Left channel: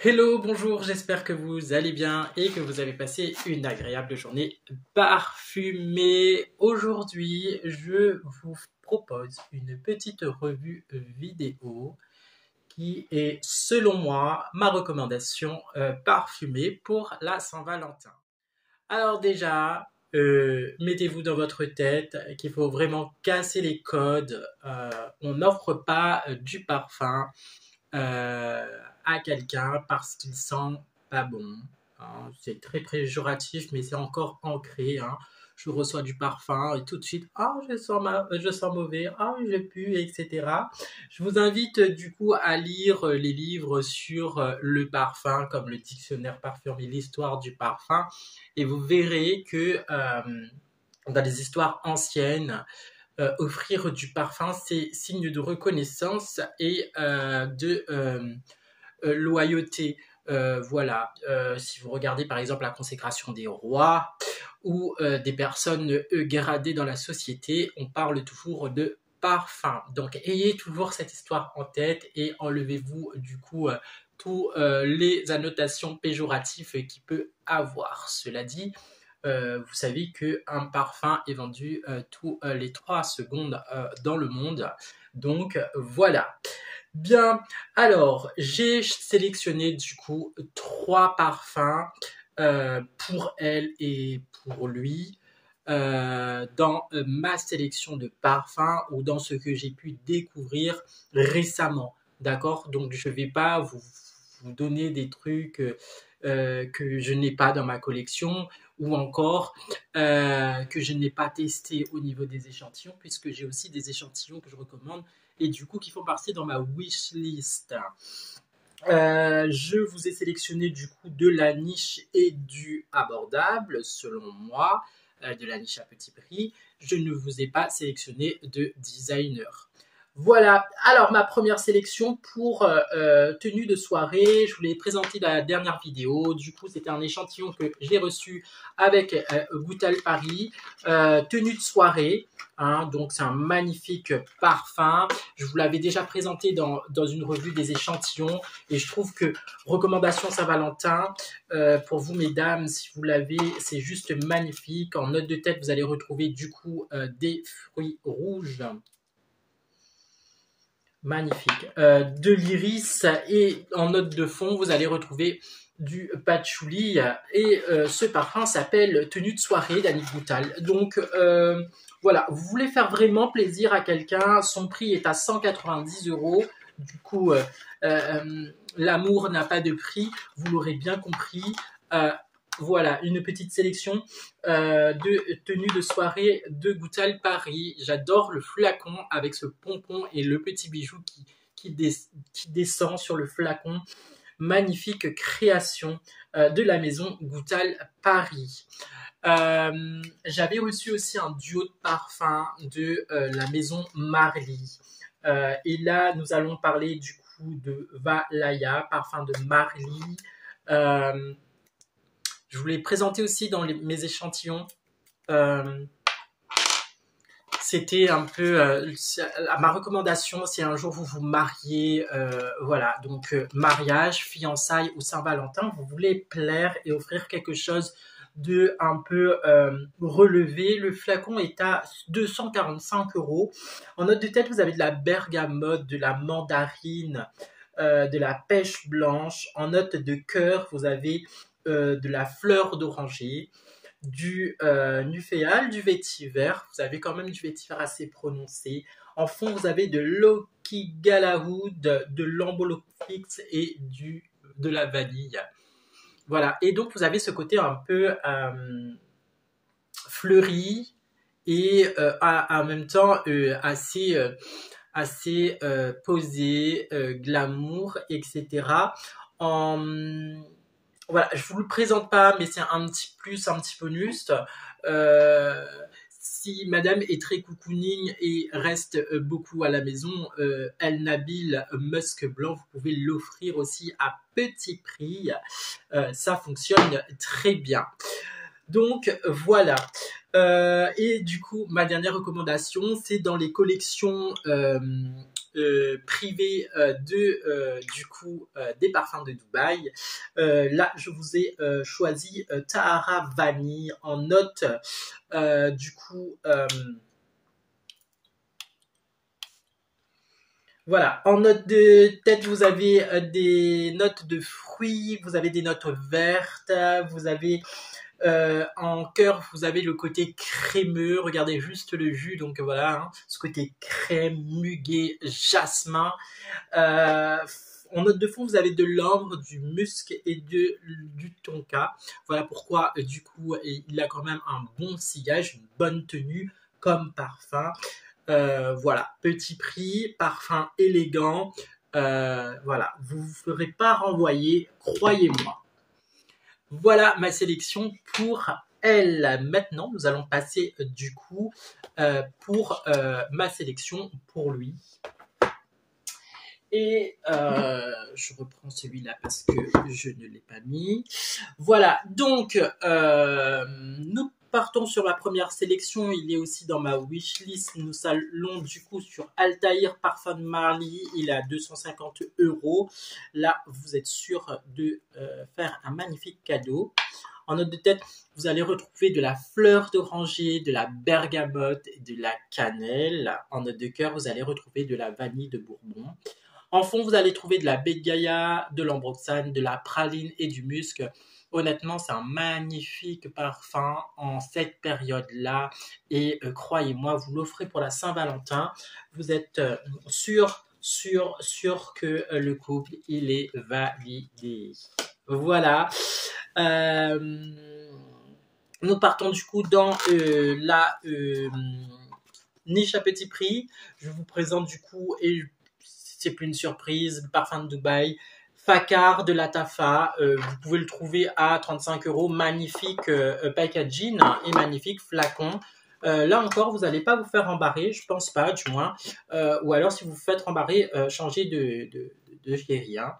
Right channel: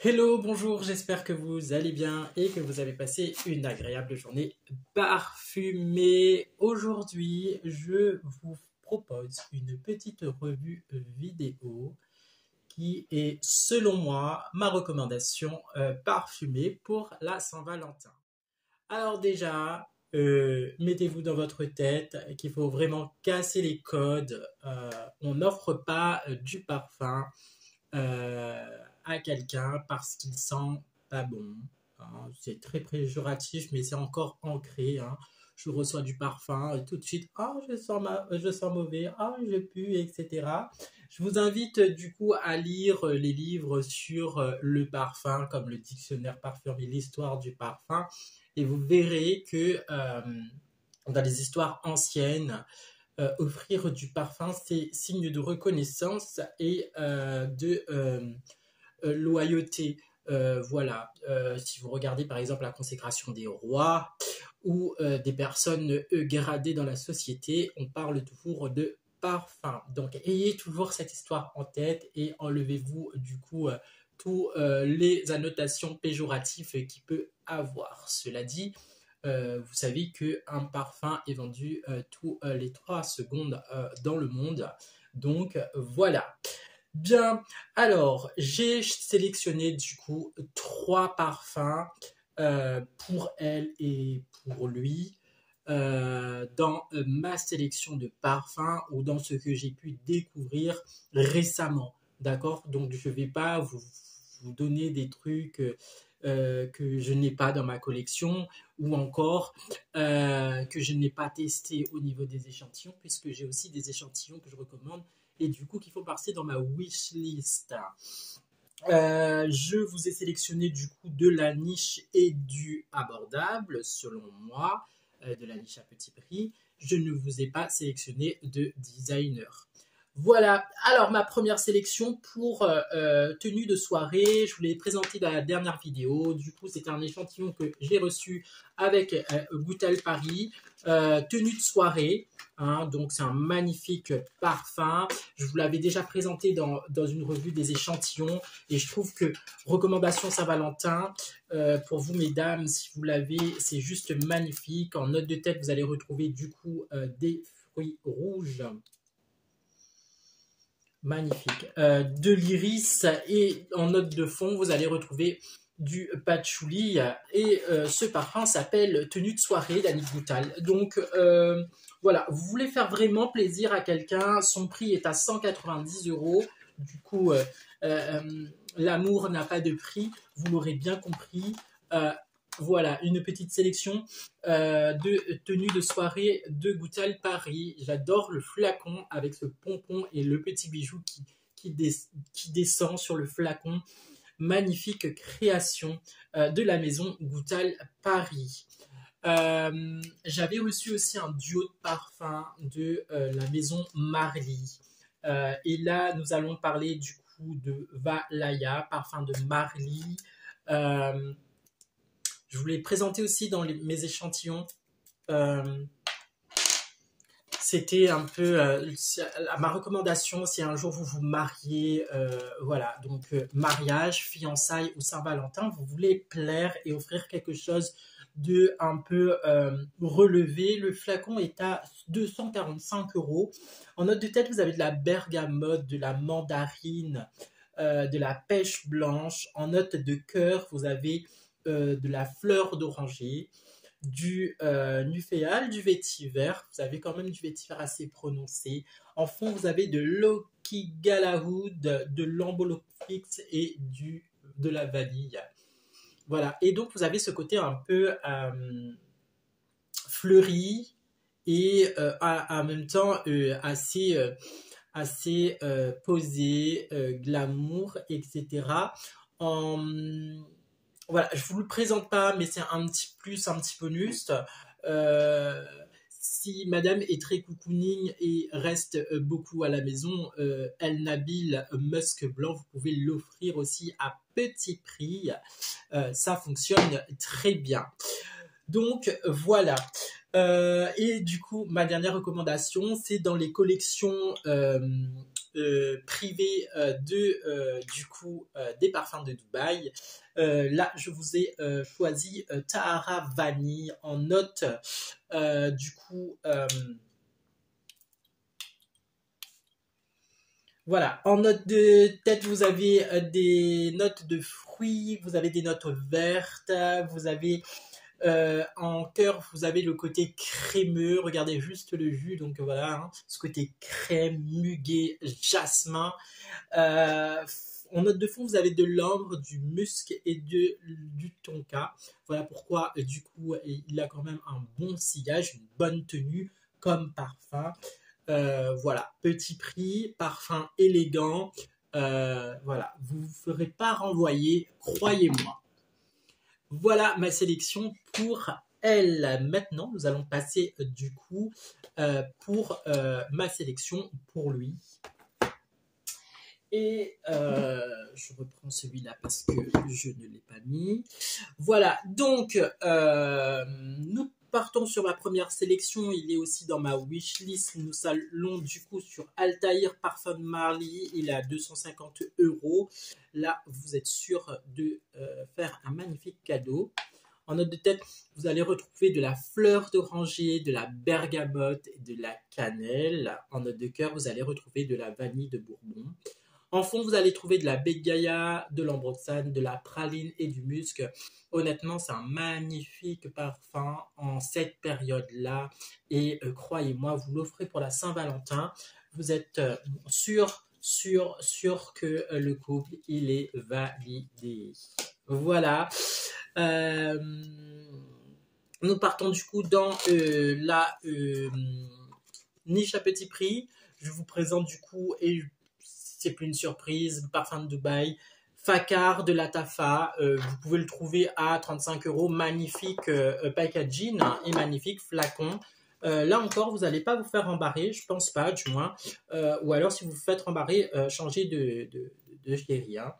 Hello, bonjour, j'espère que vous allez bien et que vous avez passé une agréable journée parfumée. Aujourd'hui, je vous propose une petite revue vidéo qui est, selon moi, ma recommandation parfumée pour la Saint-Valentin. Alors déjà, mettez-vous dans votre tête qu'il faut vraiment casser les codes. On n'offre pas du parfum à quelqu'un parce qu'il sent pas bon, hein. C'est très péjoratif, mais c'est encore ancré, hein. Je reçois du parfum et tout de suite, ah, je sens mauvais, ah, je pue, etc. Je vous invite du coup à lire les livres sur le parfum, comme le dictionnaire parfumé, l'histoire du parfum, et vous verrez que dans les histoires anciennes, offrir du parfum, c'est signe de reconnaissance et de loyauté. Voilà. Si vous regardez par exemple la consécration des rois ou des personnes gradées dans la société, on parle toujours de parfum. Donc ayez toujours cette histoire en tête et enlevez-vous du coup tous les annotations péjoratives qu'il peut avoir. Cela dit, vous savez qu'un parfum est vendu tous les 3 secondes dans le monde. Donc voilà. Bien, alors j'ai sélectionné du coup 3 parfums pour elle et pour lui dans ma sélection de parfums ou dans ce que j'ai pu découvrir récemment. D'accord? Donc je ne vais pas vous donner des trucs que je n'ai pas dans ma collection ou encore que je n'ai pas testé au niveau des échantillons, puisque j'ai aussi des échantillons que je recommande et du coup qui font partie dans ma wishlist. Je vous ai sélectionné du coup de la niche et du abordable, selon moi, de la niche à petit prix. Je ne vous ai pas sélectionné de designer. Voilà, alors ma première sélection pour tenue de soirée, je vous l'ai présenté dans la dernière vidéo, du coup c'était un échantillon que j'ai reçu avec Goutal Paris, tenue de soirée, hein, donc c'est un magnifique parfum, je vous l'avais déjà présenté dans une revue des échantillons et je trouve que recommandation Saint-Valentin, pour vous mesdames, si vous l'avez, c'est juste magnifique. En note de tête vous allez retrouver du coup des fruits rouges. Magnifique. De l'iris et en note de fond, vous allez retrouver du patchouli et ce parfum s'appelle Tenue de soirée d'Annick Goutal. Donc voilà, vous voulez faire vraiment plaisir à quelqu'un, son prix est à 190 euros. Du coup, l'amour n'a pas de prix, vous l'aurez bien compris. Voilà, une petite sélection de tenues de soirée de Goutal Paris. J'adore le flacon avec ce pompon et le petit bijou qui descend sur le flacon. Magnifique création de la maison Goutal Paris. J'avais reçu aussi un duo de parfums de la maison Marly. Et là, nous allons parler du coup de Valaya, parfum de Marly. Je vous l'ai présenté aussi dans mes échantillons. C'était un peu ma recommandation, si un jour vous vous mariez, voilà, donc mariage, fiançailles ou Saint-Valentin, vous voulez plaire et offrir quelque chose de un peu relevé. Le flacon est à 245 euros. En note de tête, vous avez de la bergamote, de la mandarine, de la pêche blanche. En note de cœur, vous avez de la fleur d'oranger, du nuphéal, du vétiver. Vous avez quand même du vétiver assez prononcé. En fond, vous avez de l'Oki Galahoud, de l'Ambolofix et de la vanille. Voilà. Et donc, vous avez ce côté un peu fleuri et en même temps assez posé, glamour, etc. Voilà, je vous le présente pas, mais c'est un petit plus, un petit bonus. Si madame est très cocooning et reste beaucoup à la maison, El Nabil Musk Blanc, vous pouvez l'offrir aussi à petit prix. Ça fonctionne très bien. Donc voilà. Et du coup, ma dernière recommandation, c'est dans les collections privées des parfums de Dubaï. Là, je vous ai choisi Tahara Vanille en note. Du coup, voilà, en note de tête, vous avez des notes de fruits, vous avez des notes vertes, vous avez en cœur, vous avez le côté crémeux. Regardez juste le jus, donc voilà, hein, ce côté crème, muguet, jasmin. Euh, En note de fond, vous avez de l'ambre, du musc et du tonka. Voilà pourquoi, du coup, il a quand même un bon sillage, une bonne tenue comme parfum. Voilà, petit prix, parfum élégant. Voilà, vous ne vous ferez pas renvoyer, croyez-moi. Voilà ma sélection pour elle. Maintenant, nous allons passer du coup pour ma sélection pour lui. Et je reprends celui-là parce que je ne l'ai pas mis. Voilà, donc nous partons sur la première sélection. Il est aussi dans ma wishlist. Nous allons du coup sur Altaïr Parfum de Marly. Il est à 250 €. Là, vous êtes sûr de faire un magnifique cadeau. En note de tête, vous allez retrouver de la fleur d'oranger, de la bergamote et de la cannelle. En note de cœur, vous allez retrouver de la vanille de Bourbon. En fond, vous allez trouver de la baie de Gaïa, de l'ambroxane, de la praline et du musc. Honnêtement, c'est un magnifique parfum en cette période-là. Et croyez-moi, vous l'offrez pour la Saint-Valentin. Vous êtes sûr que le couple, il est validé. Voilà. Nous partons du coup dans la niche à petit prix. Je vous présente du coup, et c'est plus une surprise, parfum de Dubaï, Fakar de Latafa. Vous pouvez le trouver à 35 €. Magnifique packaging et magnifique flacon. Là encore, vous n'allez pas vous faire embarrer, je pense pas, du moins. Ou alors, si vous vous faites embarrer, changez de chéri. Hein.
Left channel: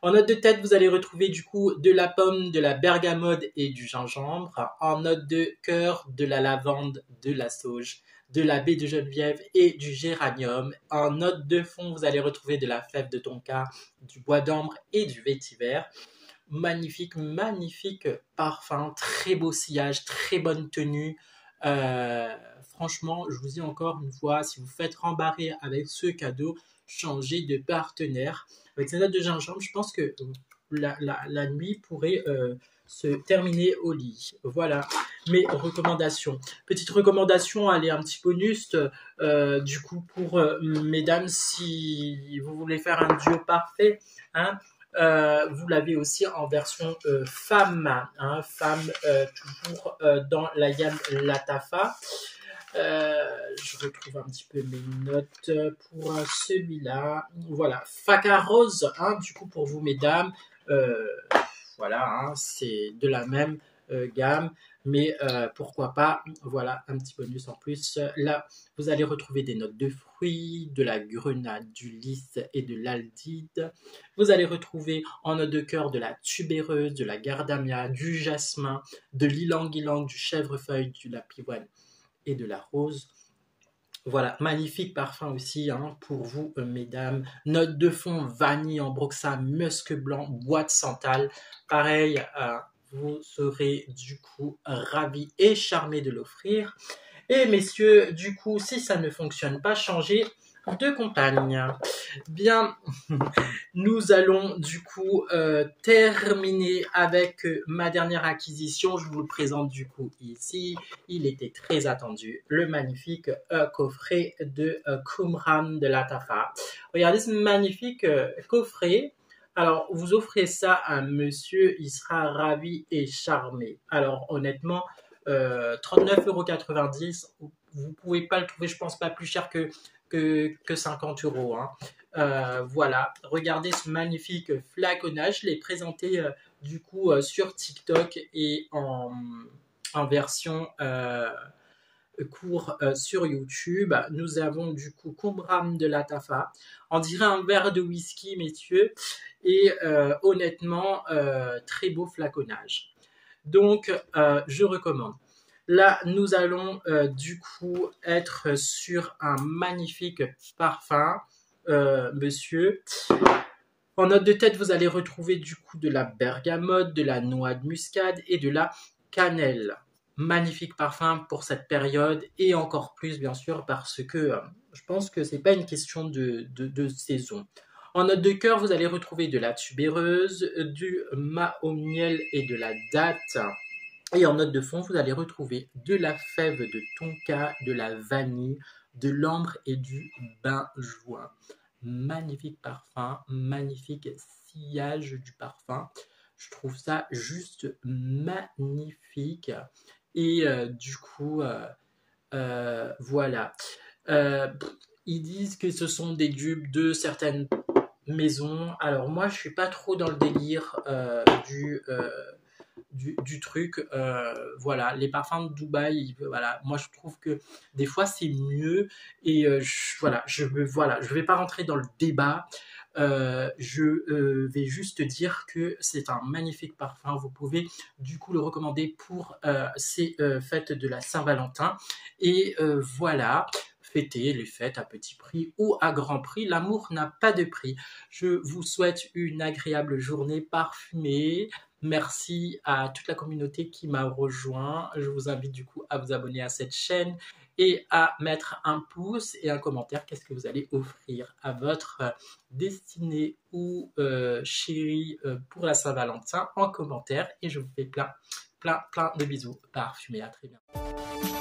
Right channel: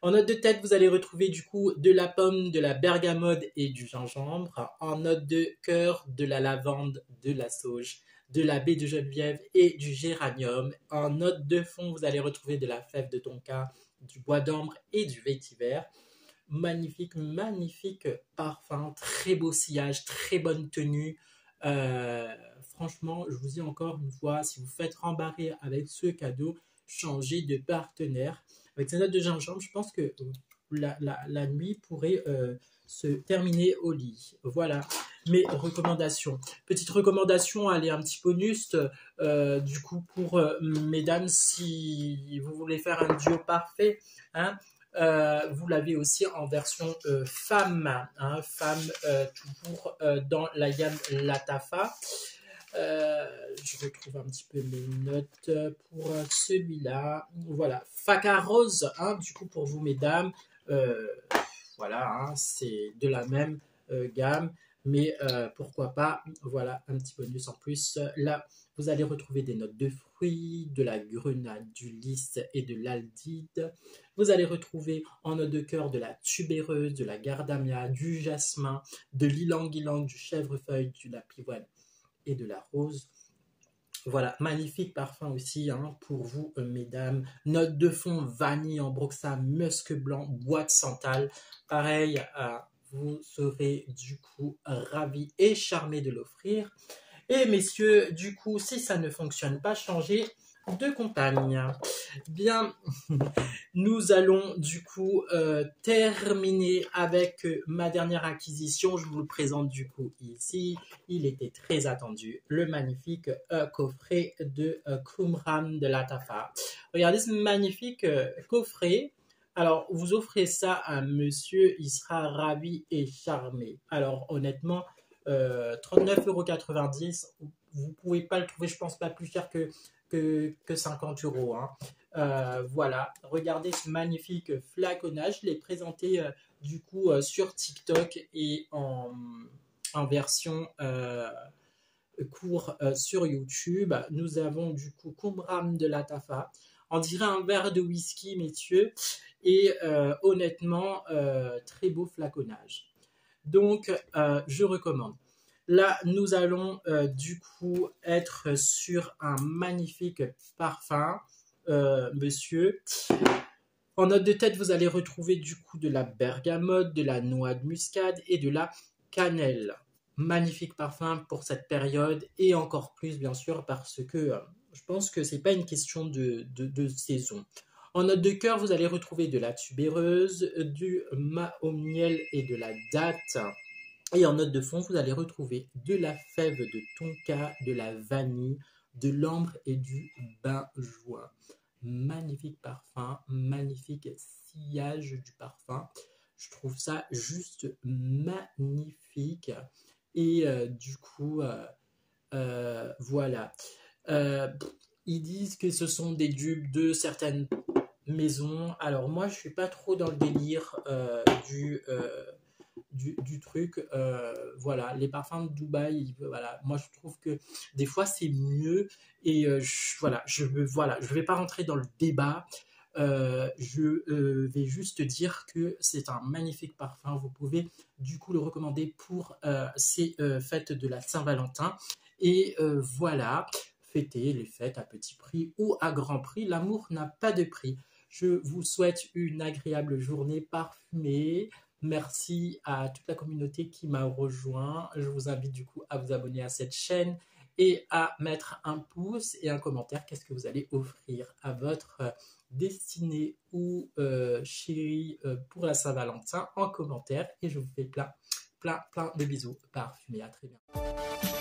En note de tête, vous allez retrouver du coup de la pomme, de la bergamote et du gingembre. En note de cœur, de la lavande, de la sauge, de la baie de Geneviève et du géranium. En note de fond, vous allez retrouver de la fève de tonka, du bois d'ambre et du vétiver. Magnifique, magnifique parfum, très beau sillage, très bonne tenue. Franchement, je vous dis encore une fois, si vous faites rembarrer avec ce cadeau, changez de partenaire. Avec ces notes de gingembre, je pense que la nuit pourrait se terminer au lit. Voilà mes recommandations. Petite recommandation, allez, un petit bonus. Du coup, pour mesdames, si vous voulez faire un duo parfait, hein, vous l'avez aussi en version femme, hein, femme toujours dans la gamme Latafa. Je retrouve un petit peu mes notes pour celui-là. Voilà, Faca Rose, hein, du coup pour vous mesdames, voilà, hein, c'est de la même gamme, mais pourquoi pas, voilà, un petit bonus en plus. Là, vous allez retrouver des notes de fruits, de la grenade, du lys et de l'aldite. Vous allez retrouver en note de cœur de la tubéreuse, de la gardamia, du jasmin, de l'ylang-ylang, du chèvrefeuille, de la pivoine et de la rose. Voilà, magnifique parfum aussi hein, pour vous, mesdames. Note de fond, vanille, ambroxan, musc blanc, bois de santal. Pareil, vous serez du coup ravis et charmés de l'offrir. Et messieurs, du coup, si ça ne fonctionne pas, changez de compagne. Bien, nous allons du coup terminer avec ma dernière acquisition. Je vous le présente du coup ici. Il était très attendu, le magnifique coffret de Qumran de Latafa. Regardez ce magnifique coffret. Alors, vous offrez ça à un monsieur, il sera ravi et charmé. Alors, honnêtement, 39,90 €, vous ne pouvez pas le trouver, je pense, pas plus cher que 50 €. Hein. Voilà, regardez ce magnifique flaconnage. Je l'ai présenté du coup sur TikTok et en version court sur YouTube. Nous avons du coup Qumran de Latafa. On dirait un verre de whisky, messieurs. Et honnêtement, très beau flaconnage. Donc, je recommande. Là, nous allons du coup être sur un magnifique parfum, monsieur. En note de tête, vous allez retrouver du coup de la bergamote, de la noix de muscade et de la cannelle. Magnifique parfum pour cette période et encore plus bien sûr parce que je pense que c'est pas une question de saison. En note de cœur, vous allez retrouver de la tubéreuse, du mahogniel et de la date. Et en note de fond, vous allez retrouver de la fève de tonka, de la vanille, de l'ambre et du benjoin. Magnifique parfum, magnifique sillage du parfum. Je trouve ça juste magnifique. Et du coup, voilà. Euh, Ils disent que ce sont des dupes de certaines maisons. Alors moi, je suis pas trop dans le délire du truc. Voilà, les parfums de Dubaï, voilà, moi je trouve que des fois c'est mieux et voilà, je vais pas rentrer dans le débat. Je vais juste dire que c'est un magnifique parfum. Vous pouvez du coup le recommander pour ces fêtes de la Saint-Valentin. Et voilà, fêter les fêtes à petit prix ou à grand prix. L'amour n'a pas de prix. Je vous souhaite une agréable journée parfumée. Merci à toute la communauté qui m'a rejoint. Je vous invite du coup à vous abonner à cette chaîne et à mettre un pouce et un commentaire. Qu'est-ce que vous allez offrir à votre destinée ou chérie pour la Saint-Valentin en commentaire. Et je vous fais plein de bisous parfumés. À très bientôt.